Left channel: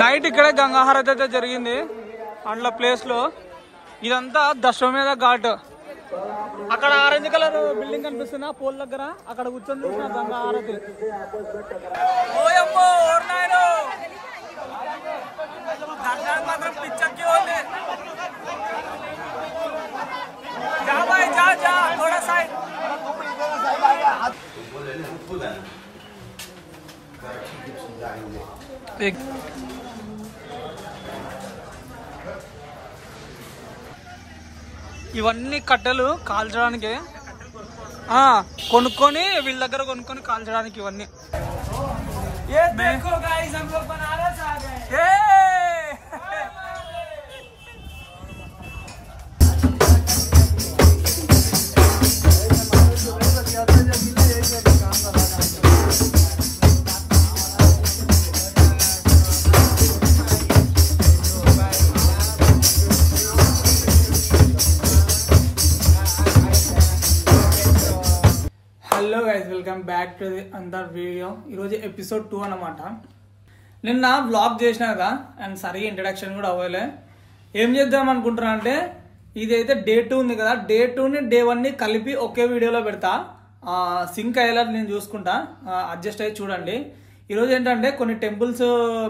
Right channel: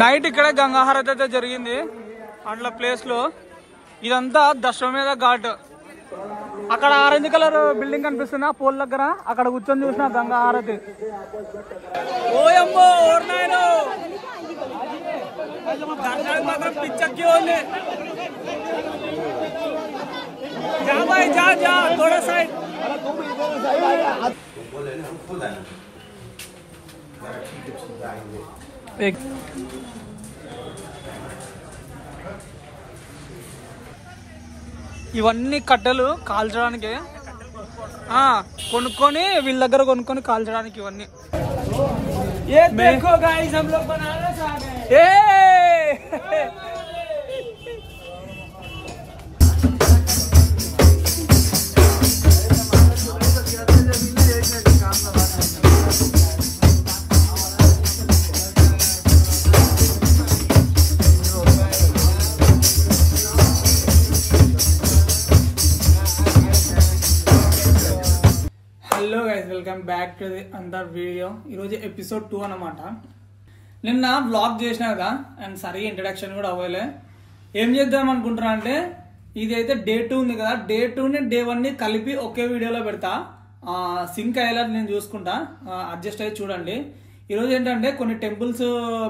Night ఇక్కడే గంగాహారతి అయితే జరిగింది అండ్ల ప్లేస్ లో. ఇదంతా దశమేధ ఘాట్. అక్కడ ఆరెంజ్ కలర్ బిల్డింగ్ కనిపిస్తున్నా పోల్ దగ్గర, అక్కడ కూర్చొని చూసిన గంగాహారతి. ఓయమ్మో ఓర్నాయను దర్శనానికి మాత్రం పిచ్చెక్కి ఉంది. जा भाई जा जा थोड़ा साइड. ఇవన్నీ కట్టెలు కాల్చడానికి కొనుక్కొని వీళ్ళ దగ్గర కొనుక్కొని కాల్చడానికి ఇవన్నీ. Hello guys, welcome back to the అందర్ వీడియో. ఈరోజు ఎపిసోడ్ 2 అన్నమాట. నిన్న వ్లాగ్ చేసినా కదా అండ్ సరిగా ఇంట్రడక్షన్ కూడా అవ్వలే. ఏం చేద్దాం అనుకుంటున్నా అంటే, ఇదైతే డే 2 ఉంది కదా, డే 2ని డే 1ని కలిపి ఒకే వీడియోలో పెడతా. సింక్ అయ్యేలా నేను చూసుకుంటా, అడ్జస్ట్ అయ్యి చూడండి. ఈరోజు ఏంటంటే కొన్ని టెంపుల్స్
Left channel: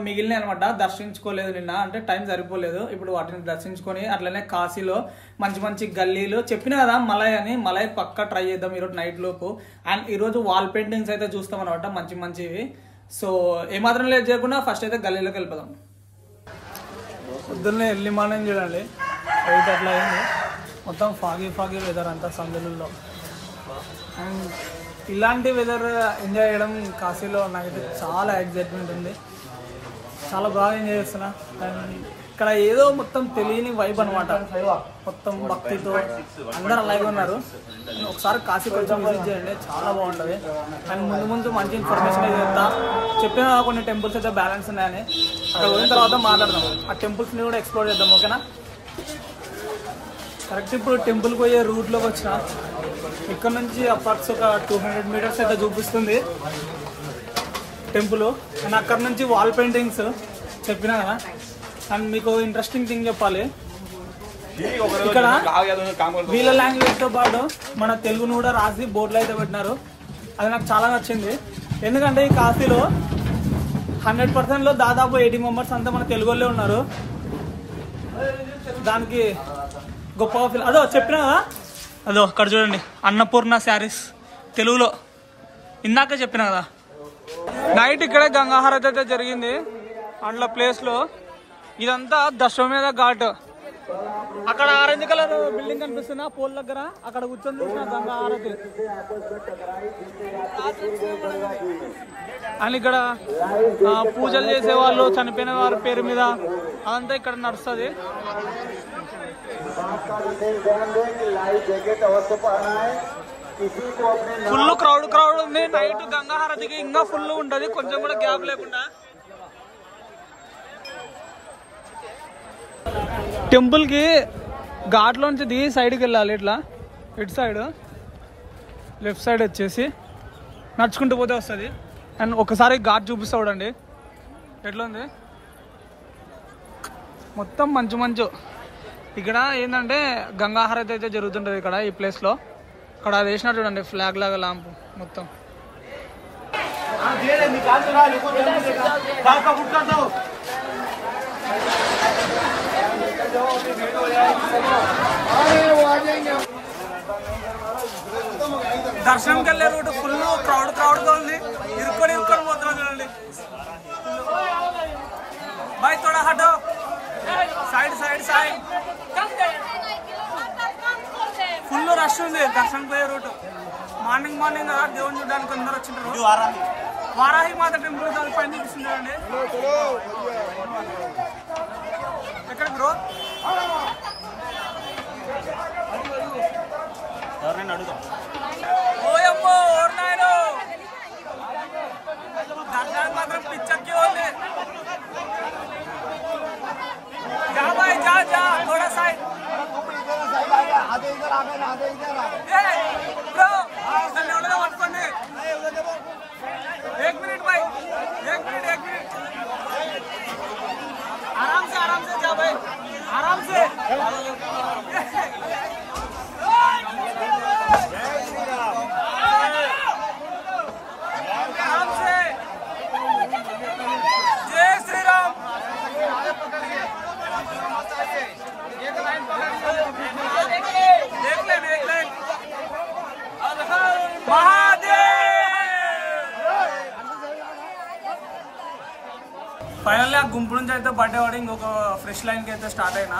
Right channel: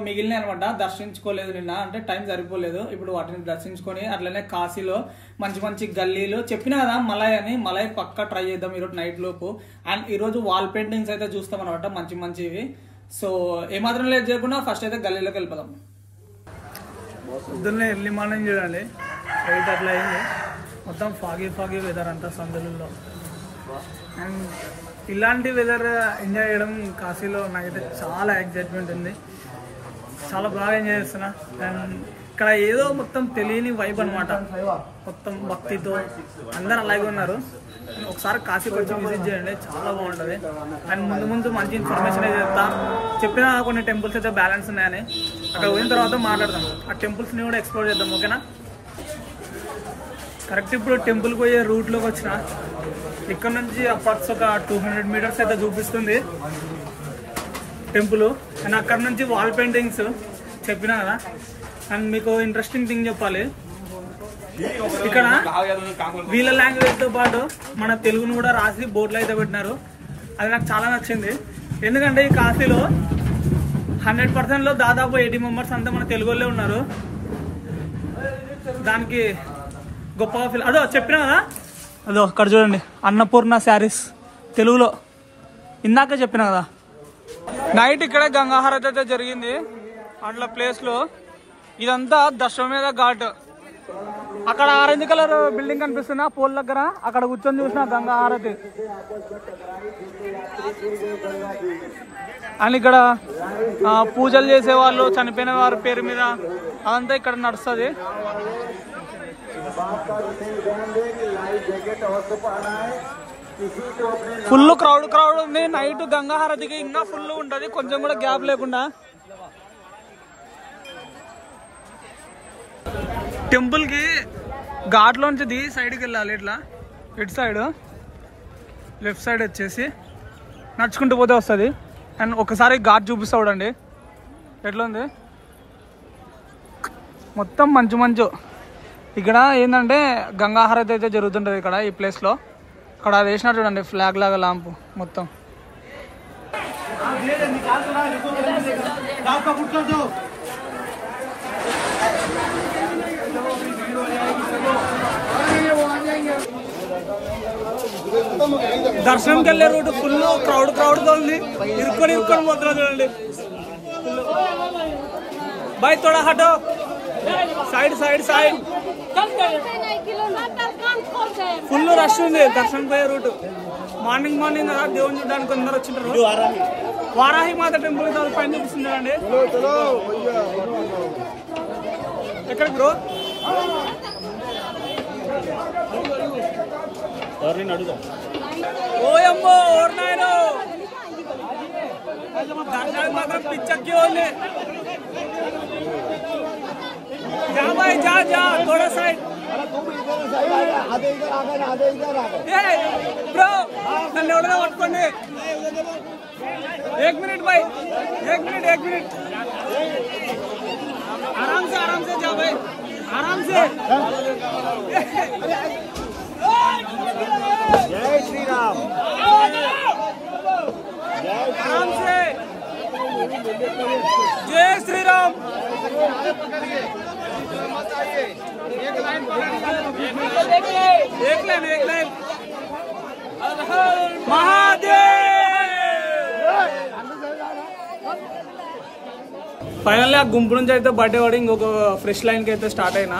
మిగిలినాయి అనమాట, దర్శించుకోలేదు నిన్న, అంటే టైం సరిపోలేదు. ఇప్పుడు వాటిని దర్శించుకొని అట్లనే కాశీలో మంచి మంచి గల్లీలు చెప్పినా కదా మలై అని, మలై పక్కా ట్రై చేద్దాం ఈరోజు నైట్ లోపు. అండ్ ఈరోజు వాల్ పెయింటింగ్స్ అయితే చూస్తాం అనమాట, మంచి మంచివి. సో ఏమాత్రం లేట్ చేయకుండా ఫస్ట్ అయితే గల్లీలోకి వెళ్ళిపోదాం. పొద్దున్నే ఎర్లీ మార్నింగ్ చూడండి 8 అట్లా అయింది. మొత్తం ఫాగీ వెదర్ అంతా సందులలో. అండ్ ఇలాంటి వెదర్ ఎంజాయ్ చేయడం కాశీలో నాకైతే చాలా ఎగ్జైట్మెంట్ ఉంది. చాలా బాగా ఎంజాయ్ చేస్తున్నా. అండ్ ఇక్కడ ఏదో మొత్తం తెలియని వైబ్ అనమాట, మొత్తం భక్తితో అందరు అలాగే ఉన్నారు. ఒకసారి కాశీకి వచ్చి విజిట్ చేయండి, చాలా బాగుంటుంది. అండ్ ముందు మంచి ఇన్ఫర్మేషన్ అయితే చెప్తా. చెప్పిన కొన్ని టెంపుల్స్ అయితే బ్యాలెన్స్ ఉన్నాయని, అక్కడ పోయిన తర్వాత మాట్లాడదాం. ఆ టెంపుల్స్ని కూడా ఎక్స్ప్లోర్ చేద్దాం, ఓకేనా? కరెక్ట్ ఇప్పుడు టెంపుల్కి పోయే రూట్లోకి వచ్చిన. ఇక్కడ నుంచి అప్రాక్స్ ఒక 200 మీటర్స్ అయితే చూపిస్తుంది టెంపుల్. అండ్ అక్కడ నుంచి వాల్ పెయింటింగ్స్ చెప్పినా కదా. అండ్ మీకు ఇంట్రెస్టింగ్ థింగ్ చెప్పాలి, ఇక్కడ వీళ్ళ లాంగ్వేజ్తో పాటు మన తెలుగును కూడా రాసి బోర్డులు అయితే పెట్టినారు. అది నాకు చాలా నచ్చింది. ఎందుకంటే ఈ కాశీలో 100%లో దాదాపు 80 మెంబర్స్ అంతా మన తెలుగు వాళ్ళే ఉన్నారు. దానికి గొప్పగా ఫీల్. అదో చెప్పినా కదా, అదో అక్కడ చూడండి అన్నపూర్ణ శారీస్ తెలుగులో, ఇందాక చెప్పిన కదా. నైట్ ఇక్కడే గంగాహారతి అయితే జరిగింది అండ్ల ప్లేస్ లో. ఇదంతా దశమేధ ఘాట్. అక్కడ ఆరెంజ్ కలర్ బిల్డింగ్ కనిపిస్తున్నా పోల్ దగ్గర, అక్కడ కూర్చొని చూసిన గంగాహారతి. అండ్ ఇక్కడ పూజలు చేసేవాళ్ళు, చనిపోయిన వారి పేరు మీద అదంతా ఇక్కడ నడుస్తుంది. ఫుల్ క్రౌడ్ ఉంది. నైట్ గంగాహారతికి ఇంకా ఫుల్ ఉంటది, కొంచెం కూడా గ్యాప్ లేకుండా. టెంపుల్ కి ఘాట్ లోంచి దిగి సైడ్కి వెళ్ళాలి, ఇట్లా ఇటు సైడ్ లెఫ్ట్ సైడ్ వచ్చేసి నడుచుకుంటూ పోతే వస్తుంది. అండ్ ఒకసారి ఘాట్ చూపిస్తా చూడండి ఎట్లా ఉంది. మొత్తం మంచు. ఇక్కడ ఏంటంటే గంగాహారతి అయితే జరుగుతుంటది ఇక్కడ ఈ ప్లేస్ లో. అక్కడ వేసినారు చూడండి ఫ్లాగ్ లాగా లాంపు మొత్తం. దర్శనంకి వెళ్ళే రూట్ ఫుల్ క్రౌడ్ తోలింది. ఇరుక్కొని పోతున్నా చూడండి. బాయ్ తోడా హటో సైడ్ ఫుల్ రష్ ఉంది దర్శనం పోయే రూట్. మార్నింగ్ కదా, దేవుని చూడడానికి అందరు వచ్చింటారు. వారాహి మాత టెంపుల్ పైన చూపిస్తుంది అండి. ఎక్కడికి బ్రో? ఓయమ్మో ఓర్నాయను దర్శనానికి మాత్రం పిచ్చెక్కి ఉంది. जा भाई जा थोड़ा साइड. ब्रो నన్ను ఎవరైనా పట్టుకోండి. 1 मिनट भाई 1 मिनट भाई आराम से आराम से जय श्री राम एक लाइन महादेव ఫైనల్లీ ఆ గుంపు నుంచి అయితే బర్త్డే వాడి ఇంకొక ఫ్రెష్ లైన్ కి అయితే స్టార్ట్ అయినా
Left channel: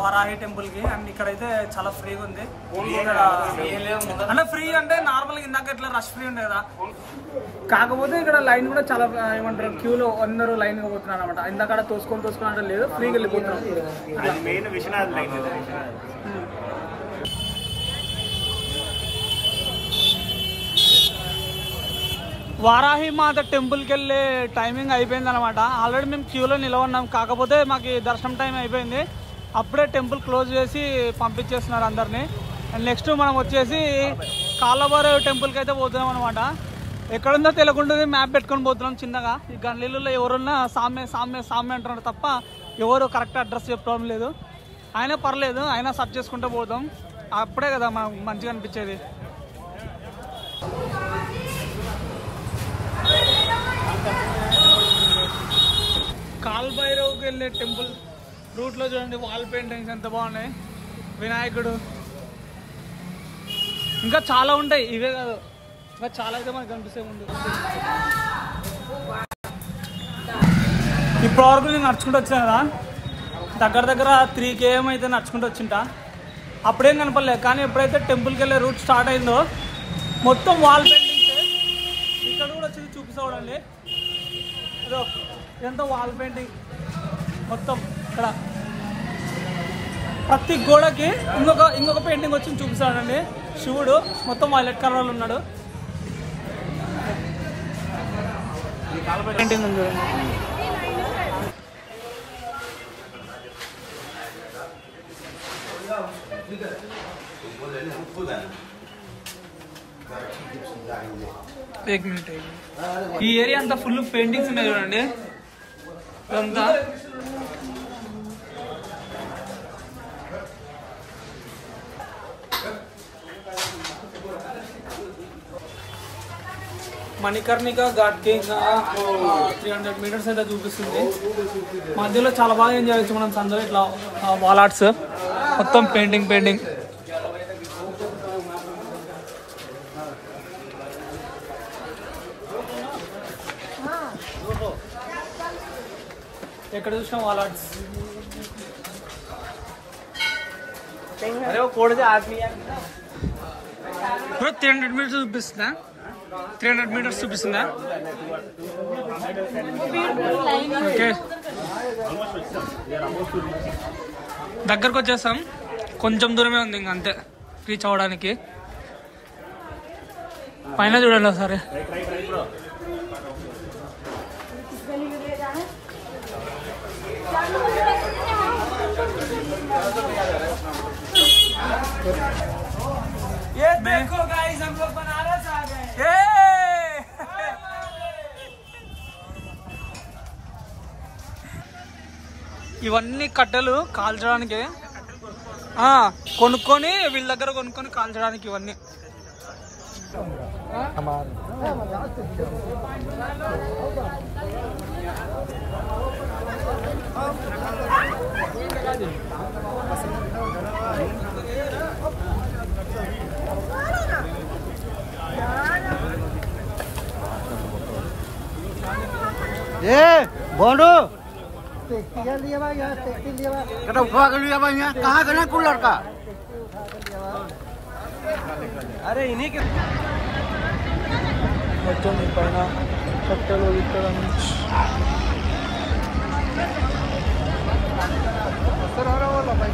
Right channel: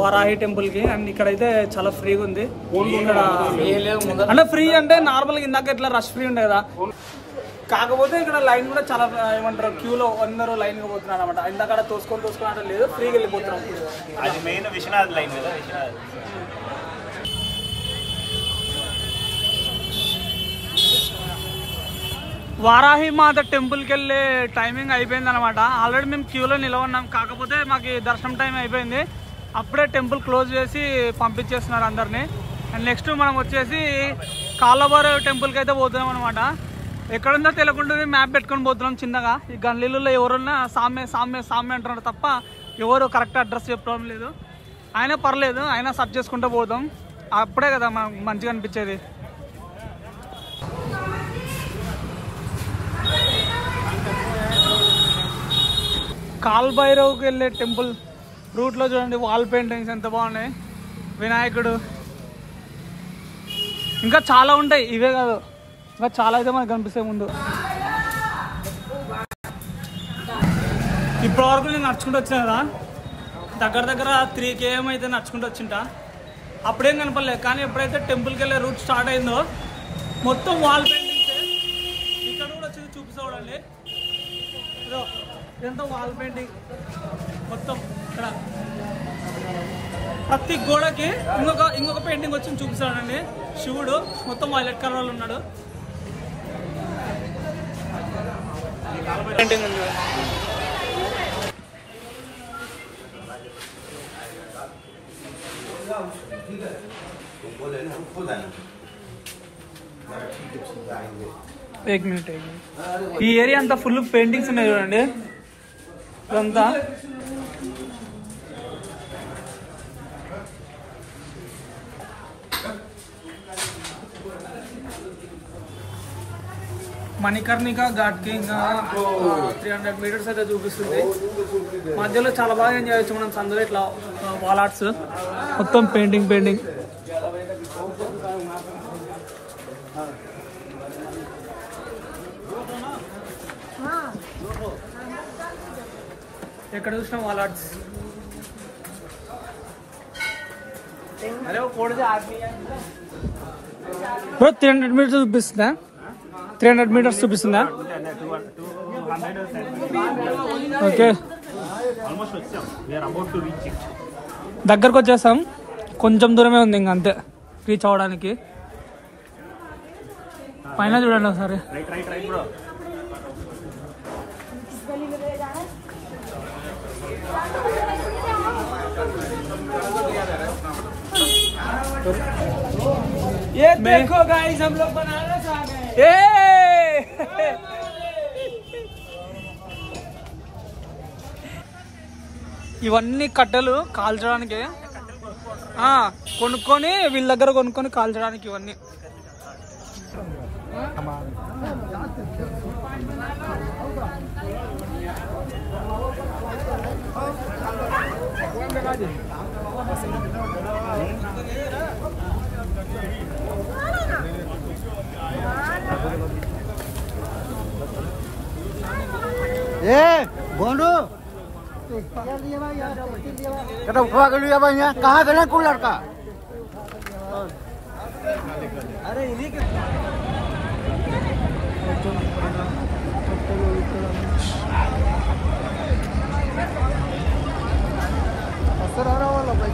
వారాహి టెంపుల్ కి. అండ్ ఇక్కడైతే చాలా ఫ్రీగా ఉంది ఇక్కడ. అంటే ఫ్రీ అంటే నార్మల్ గా ఇందాక ఇట్లా రష్ ఫ్రీ ఉండే కదా, కాకపోతే ఇక్కడ లైన్ కూడా చాలా ఏమంటారు క్యూలో అందరూ లైన్ గా పోతున్నారు అనమాట. ఇందాక తోసుకొని అంటే లేదు, ఫ్రీగా వెళ్ళిపోతున్నాం. వారాహి మాత టెంపుల్కి వెళ్ళే టైమింగ్ అయిపోయింది అనమాట. ఆల్రెడీ మేము క్యూలో నిలవన్నాం, కాకపోతే మాకు దర్శనం టైం అయిపోయింది. అప్పుడే టెంపుల్ క్లోజ్ చేసి పంపించేస్తున్నారు అందరినీ. అండ్ నెక్స్ట్ మనం వచ్చేసి కాళ్ళభైరవ టెంపుల్కి అయితే పోతున్నాం అనమాట. ఎక్కడుందో తెలియకుండా మ్యాప్ పెట్టుకొని పోతున్నాం చిన్నగా. ఈ గన్లీలలో ఎవరున్నా సామ్య సామ్య సామ్య అంటున్నారు తప్ప ఎవరు కరెక్ట్ అడ్రస్ చెప్పడం లేదు. అయినా పర్లేదు, అయినా సర్చ్ చేసుకుంటూ పోతాం. అప్పుడే కదా మనకు మంచిగా అనిపించేది. కాల్భైరవ్కి వెళ్ళే టెంపుల్ రూట్లో చూడండి వాల్ పెయింటింగ్స్ ఎంత బాగున్నాయి. వినాయకుడు ఇంకా చాలా ఉంటాయి, ఇవే కాదు ఇంకా చాలా అయితే మనకు కనిపిస్తాయి ముందు. ఇప్పటి వరకు నేను నడుచుకుంటూ వచ్చాను కదా, దగ్గర 3 km అయితే నడుచుకుంటూ వచ్చింటా. అప్పుడేం కనపడలేదు, కానీ ఎప్పుడైతే టెంపుల్కి వెళ్ళే రూట్ స్టార్ట్ అయిందో మొత్తం వాల్ పెయింటింగ్సే. ఇక్కడ కూడా వచ్చి చూపిస్తాడండి, అదో ఇదంతా వాల్ పెయింటింగ్ మొత్తం. ఇక్కడ ప్రతి గోడకి ఇంకొక పెయింటింగ్ వచ్చి చూపిస్తాడండి. శివుడు మొత్తం వైలెట్ కలర్లో ఉన్నాడు. పెయింటింగ్ ఉంది. एक मिनट ఈ ఏరియా అంతా ఫుల్ పెయింటింగ్స్ ఉన్నాయి చూడండి. ఇదంతా మణికర్ణిక ఘాట్ కి ఇంకా 300 meters అయితే చూపిస్తుంది. మధ్యలో చాలా బాగా ఎంజాయ్ చేయొచ్చు మనం సందర్లో. ఇట్లా వాల్ ఆర్ట్స్ మొత్తం పెయింటింగ్. ఎక్కడ చూసినా వాల్ ఆర్ట్స్. బ్రో 300 meters చూపిస్తుందా? 300 meters చూపిస్తుందా? ఓకే, దగ్గరకు వచ్చేసాం. కొంచెం దూరమే ఉంది ఇంకా, అంతే రీచ్ అవ్వడానికి. పైన చూడండి ఒకసారి. ये देखो गाइस, हम लोग बनारस आ गए. ఇవన్నీ కట్టెలు కాల్చడానికి కొనుక్కొని వీళ్ళ దగ్గర కొనుక్కొని కాల్చడానికి ఇవన్నీ. बोलो उठवा के लिया भाई, यहाँ कहाँ गए कौन लड़का? अरे इन्हीं के असर आ रहा वाला भाई.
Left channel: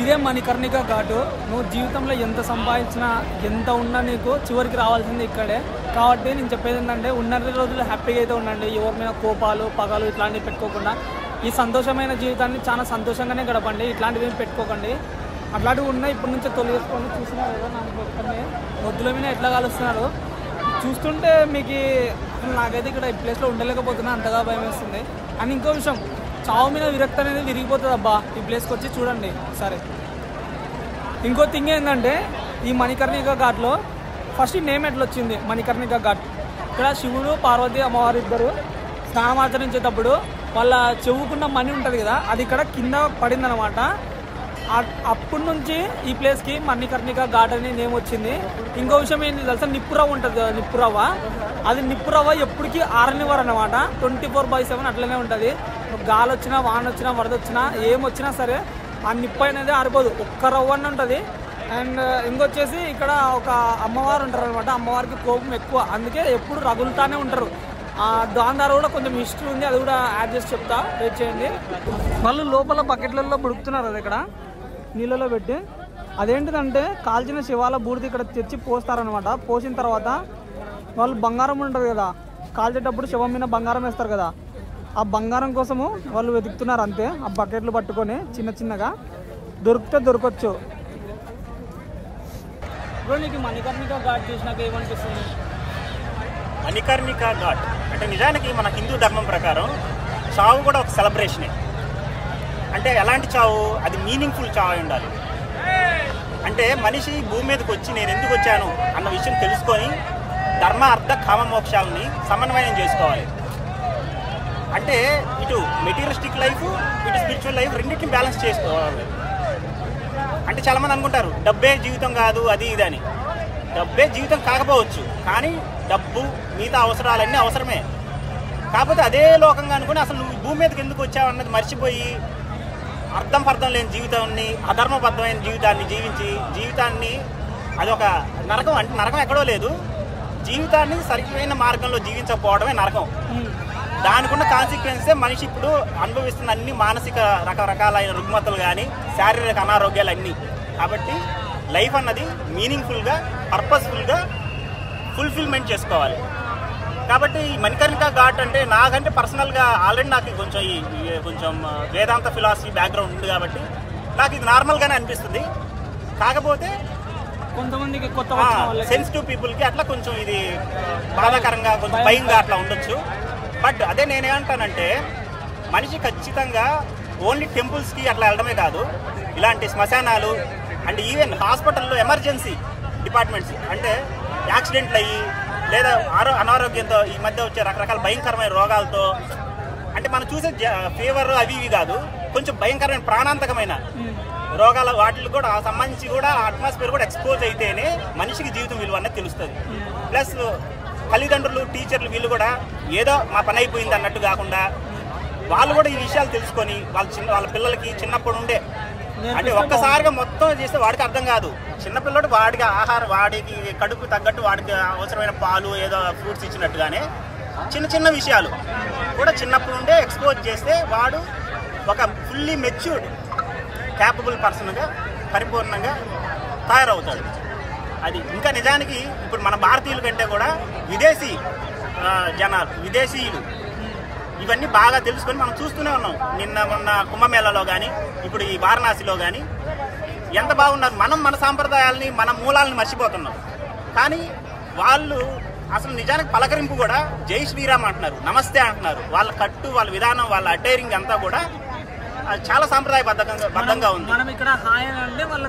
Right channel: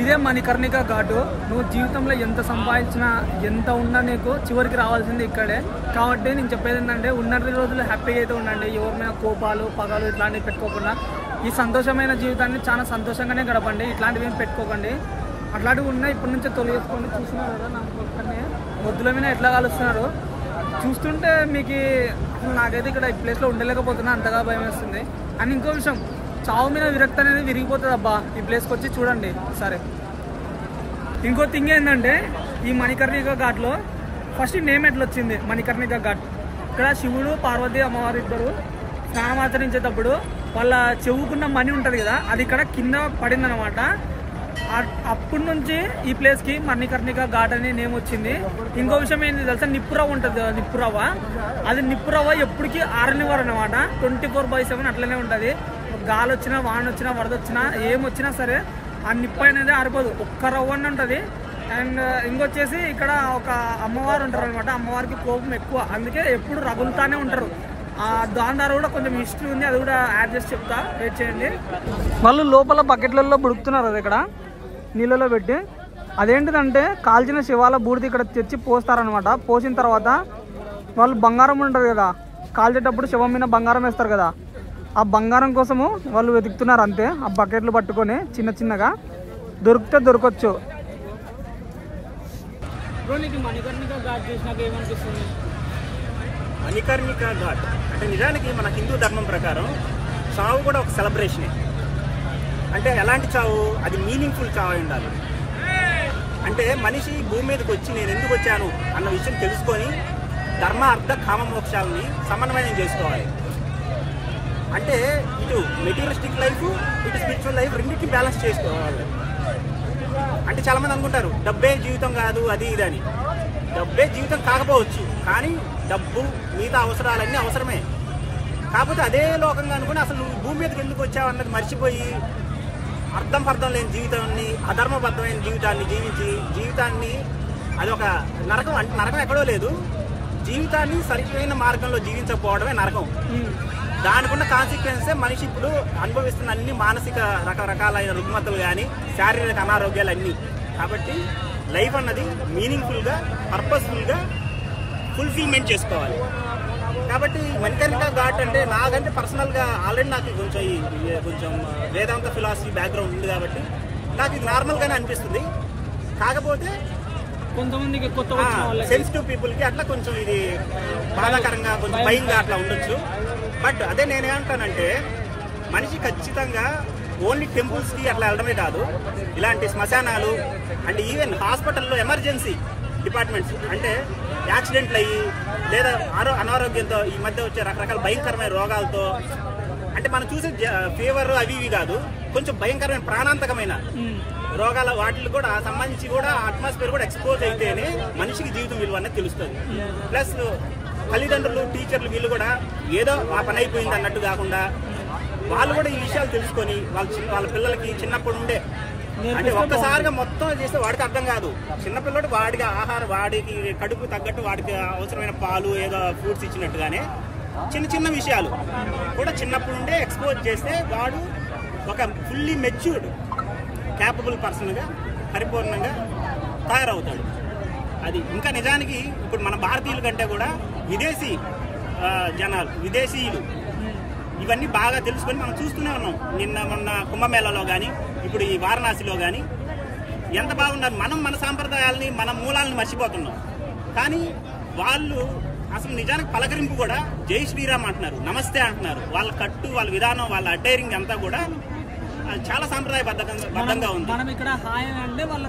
ఇదే మణికర్ణిక ఘాటు. నువ్వు జీవితంలో ఎంత సంపాదించినా ఎంత ఉన్నా నీకు చివరికి రావాల్సింది ఇక్కడే. కాబట్టి నేను చెప్పేది ఏంటంటే, ఉన్న రోజులు హ్యాపీగా అయితే ఉండండి. ఎవరి మీద కోపాలు పగలు ఇట్లాంటివి పెట్టుకోకుండా ఈ సంతోషమైన జీవితాన్ని చాలా సంతోషంగానే గడపండి. ఇట్లాంటివి ఏం పెట్టుకోకండి. అట్లాంటివి ఉన్నాయి ఇప్పటి నుంచే తొలగించుకొని చూస్తున్నారు కదా నాకు ఒక్కనే మొద్దుల మీద ఎట్లా కలుస్తున్నారు చూస్తుంటే మీకు అసలు నాకైతే ఇక్కడ ఈ ప్లేస్లో ఉండలేకపోతున్నా, అంతగా భయం వేస్తుంది. అండ్ ఇంకో విషయం, చావు మీద విరక్తి అనేది విరిగిపోతుంది అబ్బా ఈ ప్లేస్కి వచ్చి చూడండి సరే. ఇంకో థింగ్ ఏంటంటే ఈ మణికర్ణిక ఘాట్లో ఫస్ట్ నేమ్ ఎట్లా వచ్చింది మణికర్ణిక ఘాట్. ఇక్కడ శివుడు పార్వతి అమ్మవారు ఇద్దరు స్నానం ఆచరించేటప్పుడు వాళ్ళ చెవుకున్న మణి ఉంటుంది కదా అది ఇక్కడ కింద పడింది అనమాట. అప్పటి నుంచి ఈ ప్లేస్కి మణికర్ణిక ఘాట్ అని నేమ్ వచ్చింది. ఇంకో విషయం ఏంటి తెలుసా, నిప్పురవ్వ ఉంటుంది కదా నిప్పురవ్వ, అది నిప్పురవ్వ ఎప్పటికీ ఆరనివ్వరు అనమాట. 24/7 అట్లనే ఉంటుంది. గాలి వచ్చినా వాన వచ్చినా వరద వచ్చినా ఏమొచ్చినా సరే ఆ నిప్పు అనేది ఆరిపోదు, ఒక్క రవ్వ అని ఉంటుంది. అండ్ ఇంకొచ్చేసి ఇక్కడ ఒక అమ్మవారు ఉంటారు అనమాట, అమ్మవారికి కోపం ఎక్కువ, అందుకే ఎప్పుడు రగులుతానే ఉంటారు. దాని ద్వారా కూడా కొంచెం హిస్టరీ ఉంది, అది కూడా యాడ్ చేసి చెప్తా, వెయిట్ చేయండి. వాళ్ళు లోపల బకెట్లలో బుడుకుతున్నారు అది ఇక్కడ నీళ్ళలో పెట్టి. అదేంటిదంటే కాల్చిన శివాల బూడిది ఇక్కడ తెచ్చి పోస్తారనమాట. పోసిన తర్వాత వాళ్ళు బంగారం ఉంటుంది కదా, కాల్చేటప్పుడు శవం మీద బంగారం వేస్తారు కదా, ఆ బంగారం కోసము వాళ్ళు వెతుకుతున్నారు అంతే. ఆ బకెట్లు పట్టుకొని చిన్న చిన్నగా దొరికితే దొరకచ్చు. బ్రో నీకు మణికర్ణిక ఘాట్ చూసినాక ఏమనిపిస్తుంది? మణికర్ణిక ఘాట్ అంటే నిజానికి మన హిందూ ధర్మం ప్రకారం చావు కూడా ఒక సెలబ్రేషనే. అంటే ఎలాంటి చావు, అది మీనింగ్ఫుల్ చావు అయి ఉండాలి. అంటే మనిషి భూమి మీదకి వచ్చి నేను ఎందుకు వచ్చాను అన్న విషయం తెలుసుకొని ధర్మ అర్థ కామ మోక్షాలని సమన్వయం చేసుకోవాలి. అంటే ఇటు మెటీరియలిస్టిక్ లైఫ్ ఇటు స్పిరిచువల్ లైఫ్ రెండింటిని బ్యాలెన్స్ చేసుకోవాలి. అంటే చాలామంది అనుకుంటారు డబ్బే జీవితం కాదు అది ఇది అని. డబ్బే జీవితం కాకపోవచ్చు, కానీ డబ్బు మిగతా అవసరాలన్నీ అవసరమే. కాకపోతే అదే లోకంగా అనుకుని అసలు నువ్వు భూమి మీదకి ఎందుకు వచ్చావు అన్నది మర్చిపోయి అర్థం పర్థం లేని జీవితాన్ని, అధర్మబద్ధమైన జీవితాన్ని జీవించి జీవితాన్ని అదొక నరకం. అంటే నరకం ఎక్కడో లేదు, జీవితాన్ని సరైన మార్గంలో జీవించకపోవడమే నరకం. దానికున్న కాన్సిక్వెన్సే మనిషి ఇప్పుడు అనుభవిస్తున్న అన్ని మానసిక రకరకాలైన రుగ్మతలు కానీ శారీరక అనారోగ్యాలు అన్నీ. కాబట్టి లైఫ్ అన్నది మీనింగ్ఫుల్గా పర్పస్ఫుల్గా ఫుల్ఫిల్మెంట్ చేసుకోవాలి. కాబట్టి మణికర్ణిక ఘాట్ అంటే నాకంటే పర్సనల్గా ఆల్రెడీ నాకు కొంచెం వేదాంత ఫిలాసఫీ బ్యాక్గ్రౌండ్ ఉంది కాబట్టి నాకు ఇది నార్మల్గానే అనిపిస్తుంది. కాకపోతే కొంతమందికి కొత్త సెన్సిటివ్ పీపుల్కి అట్లా కొంచెం ఇది బాధాకరంగా కొంచెం భయంగా అట్లా ఉండొచ్చు. బట్ అదే నేనేమంటానంటే మనిషి ఖచ్చితంగా ఓన్లీ టెంపుల్స్కి అట్లా వెళ్ళడమే కాదు, ఇలాంటి శ్మశానాలు అంటే ఈవెన్ హాస్పిటల్లో ఎమర్జెన్సీ డిపార్ట్మెంట్స్ అంటే యాక్సిడెంట్లు అయ్యి లేదా అనారోగ్యంతో ఈ మధ్య వచ్చే రకరకాల భయంకరమైన రోగాలతో, అంటే మనం చూసే ఫీవర్ అవి ఇవి కాదు, కొంచెం భయంకరమైన ప్రాణాంతకమైన రోగాల వాటికి కూడా సంబంధించి కూడా అట్మాస్ఫియర్ కూడా ఎక్స్పోజ్ అయితేనే మనిషికి జీవితం విలువ అనేది తెలుస్తుంది. ప్లస్ తల్లిదండ్రులు టీచర్లు వీళ్ళు కూడా ఏదో ఆ పని అయిపోయింది అన్నట్టు కాకుండా వాళ్ళు కూడా ఈ విషయాలు తెలుసుకొని వాళ్ళ పిల్లలకి చిన్నప్పుడు ఉండే అంటే ఒక్కసారిగా మొత్తం చేస్తే వాడికి అర్థం కాదు. చిన్నపిల్లడు వాడికి ఆహారం వాడికి కడుపు తగ్గట్టు వాడికి అవసరమైన పాలు ఏదో ఫ్రూట్స్ ఇచ్చినట్టుగానే చిన్న చిన్న విషయాలు కూడా చిన్నప్పుడు ఉండే ఎక్స్పోజ్ చేస్తే వాడు ఒక ఫుల్లీ మెచ్యూర్డ్ క్యాపబుల్ పర్సన్గా పరిపూర్ణంగా తయారవుతాడు. అది ఇంకా నిజానికి ఇప్పుడు మన భారతీయుల కంటే కూడా విదేశీ జనాలు విదేశీయులు ఇవన్నీ బాగా తెలుసుకొని మనం చూస్తూనే ఉన్నాం. మొన్న కుంభమేళాలో కానీ ఇప్పుడు ఈ వారణాసిలో కానీ ఎంత బాగున్నారు. మనం మన సాంప్రదాయాలని మన మూలాలని మర్చిపోతున్నాం. కానీ వాళ్ళు అసలు నిజానికి పలకరింపు కూడా జై శ్రీరామ్ అంటున్నారు, నమస్తే అంటున్నారు. వాళ్ళ కట్టు వాళ్ళ విధానం వాళ్ళ అటైరింగ్ అంతా కూడా చాలా సాంప్రదాయబద్ధంగా ఉంది. మనం ఇక్కడ హాయ్ అంటే వాళ్ళు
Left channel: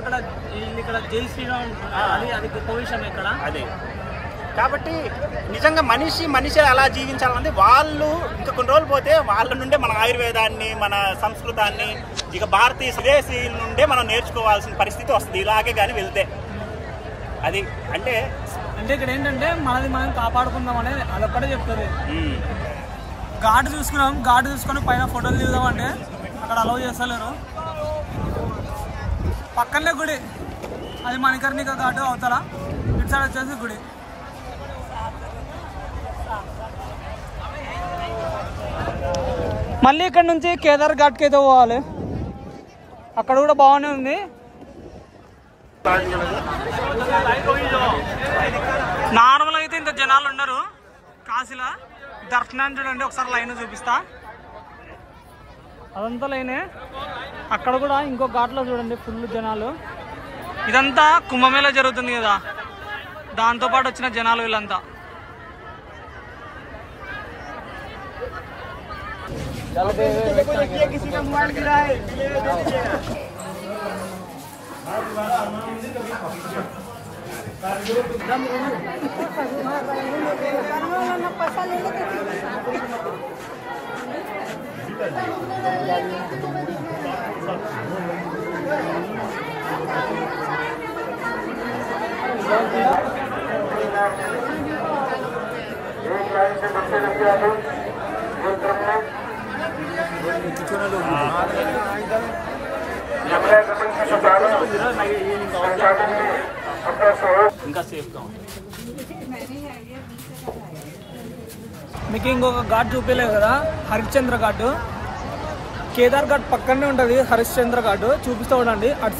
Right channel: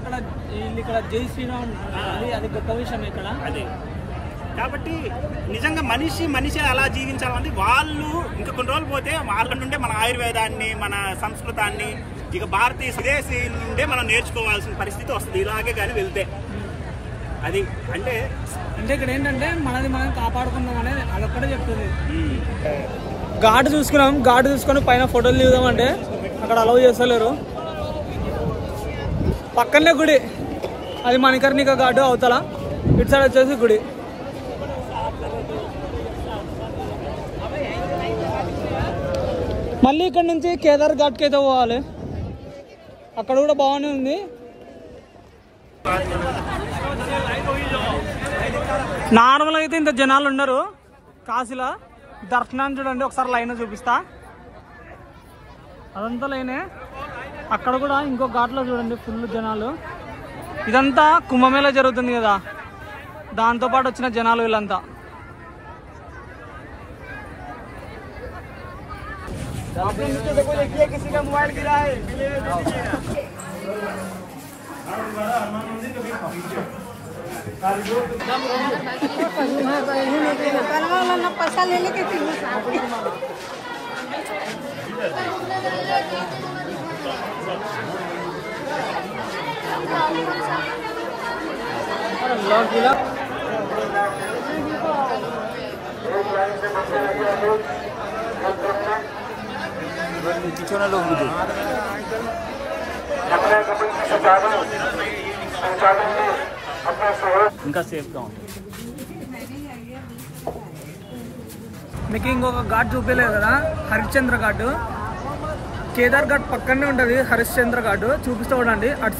ఇక్కడ జై శ్రీరామ్ అది గొప్ప విషయం ఇక్కడ. అదే కాబట్టి నిజంగా మనిషి అలా జీవించాలంటే వాళ్ళు ఇంకా కొన్ని రోజులు పోతే వాళ్ళ నుండే మన ఆయుర్వేదాన్ని మన సంస్కృతాన్ని ఇక భారతీయ స్వదేశీ నుండే మనం నేర్చుకోవాల్సిన పరిస్థితి వస్తుంది ఇలాగే కానీ వెళ్తే. అది అంటే ఇక్కడ ఏంటంటే మనది మనం కాపాడుకుందాం అనేది అదొక్కటే చెప్తుంది. ఘాటు చూసుకొని పైన ఫోటోలు దిగుదామంటే అక్కడ అలౌ చేస్తలేరు. పక్కనే గుడి, అది మణికర్ణిక ఘాటు అవతల, ఇటు సైడ్ వచ్చేసి గుడి. మళ్ళీ ఇక్కడ నుంచి కేదార్ ఘాట్కి అయితే పోవాలి, అక్కడ కూడా బాగానే ఉంది. నార్మల్గా అయితే ఇంత జనాలు ఉండరు కాశీలో. దర్శనాన్ని చూడండి ఒకసారి లైన్ చూపిస్తా. అదంతా లేనే. అక్కడ కూడా ఇంకో ఘాట్లో చూడండి ఫుల్ జనాలు. ఇదంతా కుంభమేళా జరుగుతుంది కదా, దాంతోపాటు వచ్చిన జనాలు వీళ్ళంతా. మీకు ఇంకొక ఘాట్ చూపించలేదు కదా, హరిశ్చంద్ర ఘాట్. కేదార్ ఘాట్ పక్కనే ఉంటుంది హరిశ్చంద్ర ఘాట్. చూపిస్తూ ఉండండి అటు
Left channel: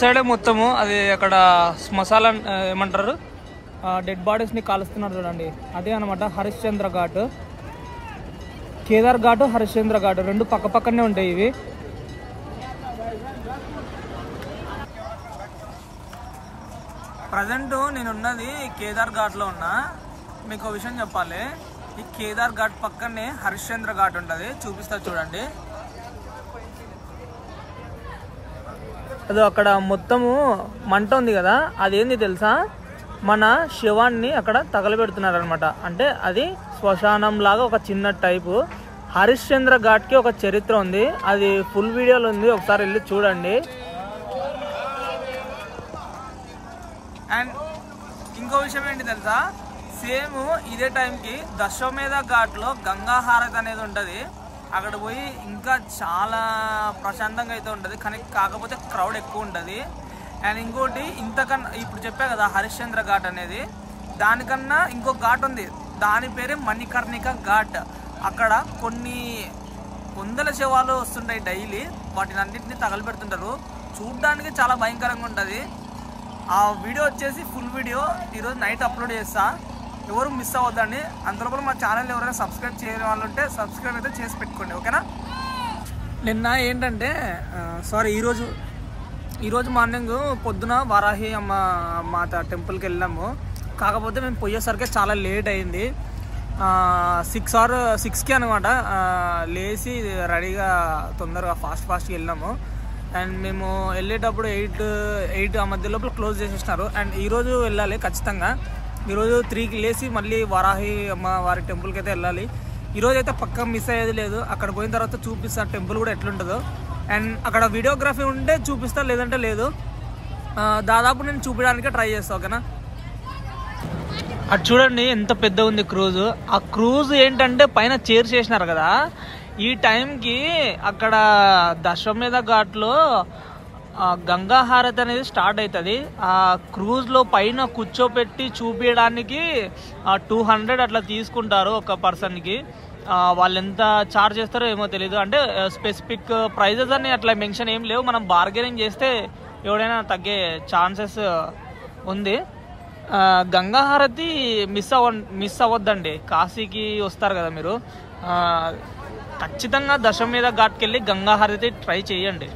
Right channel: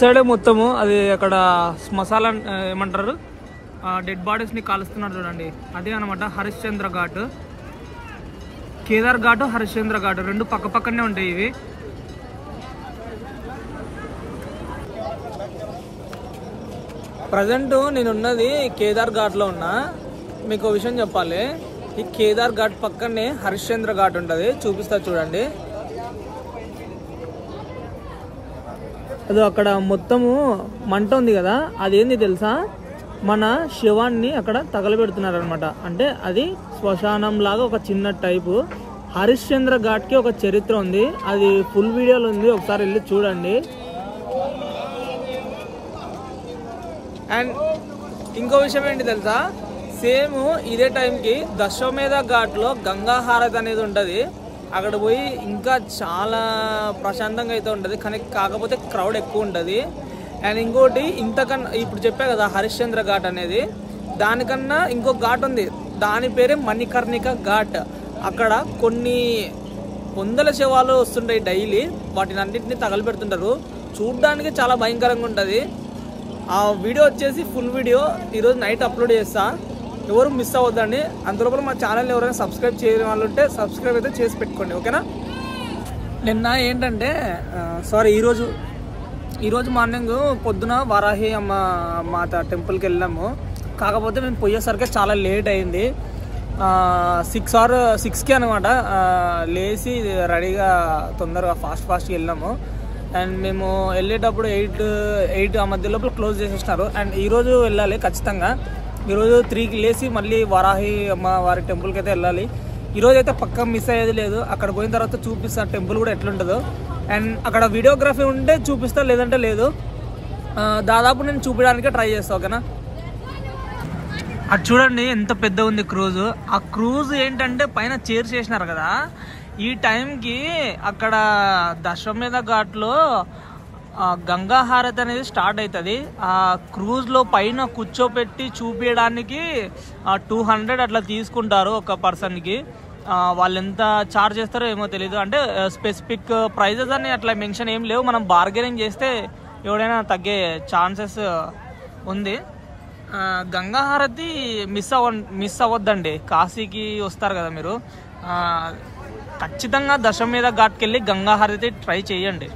సైడే మొత్తము అది అక్కడ శ్మశాల ఏమంటారు డెడ్ బాడీస్ని కాలుస్తున్నారు చూడండి, అదే అనమాట హరిశ్చంద్ర ఘాట్. కేదార్ ఘాట్ హరిశ్చంద్ర ఘాట్ రెండు పక్క పక్కనే ఉంటాయి ఇవి. ప్రజెంట్ నేనున్నది కేదార్ ఘాట్లో ఉన్నా. మీకు విషయం చెప్పాలి, ఈ కేదార్ ఘాట్ పక్కనే హరిశ్చంద్ర ఘాట్ ఉంటుంది. చూపిస్తా చూడండి. అదో అక్కడ మొత్తము మంట ఉంది కదా, అదేంది తెలుసా, మన శవాన్ని అక్కడ తగలబెడుతున్నారు అనమాట. అంటే అది శ్మశానం లాగా ఒక చిన్న టైపు. హరిశ్చంద్ర ఘాట్కి ఒక చరిత్ర ఉంది, అది ఫుల్ వీడియోలో ఉంది, ఒకసారి వెళ్ళి చూడండి. అండ్ ఇంకో విషయం ఏంటి తెలుసా, సేమ్ ఇదే టైంకి దశమేధ ఘాట్లో గంగా హారతి అనేది ఉంటుంది. అక్కడ పోయి ఇంకా చాలా ప్రశాంతంగా అయితే ఉంటుంది, కానీ కాకపోతే క్రౌడ్ ఎక్కువ ఉంటుంది. అండ్ ఇంకోటి ఇంతకన్నా ఇప్పుడు చెప్పా కదా హరిశ్చంద్ర ఘాట్ అనేది, దానికన్నా ఇంకో ఘాట్ ఉంది, దాని పేరే మణికర్ణిక ఘాట్. అక్కడ కొన్ని వందల శవాలు వస్తుంటాయి డైలీ, వాటిని అన్నింటినీ తగలబెడుతుంటారు. చూడ్డానికి చాలా భయంకరంగా ఉంటుంది. ఆ వీడియో వచ్చేసి ఫుల్ వీడియో ఈరోజు నైట్ అప్లోడ్ చేస్తా, ఎవరు మిస్ అవ్వద్దండి. అందులోపల మా ఛానల్ ఎవరైనా సబ్స్క్రైబ్ చేయని వాళ్ళు ఉంటే సబ్స్క్రైబ్ అయితే చేసి పెట్టుకోండి, ఓకేనా. నిన్న ఏంటంటే ఈరోజు మార్నింగ్ పొద్దున వారాహి అమ్మ మాత టెంపుల్కి వెళ్ళాము. కాకపోతే మేము పోయేసరికి చాలా లేట్ అయింది. 6కి అనమాట లేచి రెడీగా తొందరగా ఫాస్ట్గా వెళ్ళాము. అండ్ మేము వెళ్ళేటప్పుడు 8 ఆ మధ్య లోపల క్లోజ్ చేసేసినారు. అండ్ ఈరోజు వెళ్ళాలి ఖచ్చితంగా. ఈరోజు 3కి లేచి మళ్ళీ వారాహి అమ్మ వారి టెంపుల్కి అయితే వెళ్ళాలి. ఈరోజు అయితే పక్కా మిస్ అయ్యేది లేదు. అక్కడ పోయిన తర్వాత చూపిస్తా టెంపుల్ కూడా ఎట్లుంటుందో. అండ్ అక్కడ వీడియోగ్రఫీ ఉంటే చూపిస్తా, లేదంటే లేదు. దాదాపు నేను చూపించడానికే ట్రై చేస్తా, ఓకేనా. అటు చూడండి ఎంత పెద్ద ఉంది క్రూజ్. ఆ క్రూజ్ ఏంటంటే పైన చైర్ చేసినారు కదా, ఈ టైంకి అక్కడ దశమేధ ఘాట్లో గంగా హారతి అనేది స్టార్ట్ అవుతుంది. ఆ క్రూజ్లో పైన కూర్చోపెట్టి చూపించడానికి 200 అట్లా తీసుకుంటారు ఒక పర్సన్కి. వాళ్ళు ఎంత ఛార్జ్ చేస్తారో ఏమో తెలీదు. అంటే స్పెసిఫిక్ ప్రైజెస్ అని అట్లా మెన్షన్ ఏం లేవు. మనం బార్గెనింగ్ చేస్తే ఎవడైనా తగ్గే ఛాన్సెస్ ఉంది. గంగా హారతి మిస్ అవ్వద్దండి. కాశీకి వస్తారు కదా మీరు, ఖచ్చితంగా దశమేధ ఘాట్కి వెళ్ళి గంగా హారతి ట్రై చేయండి.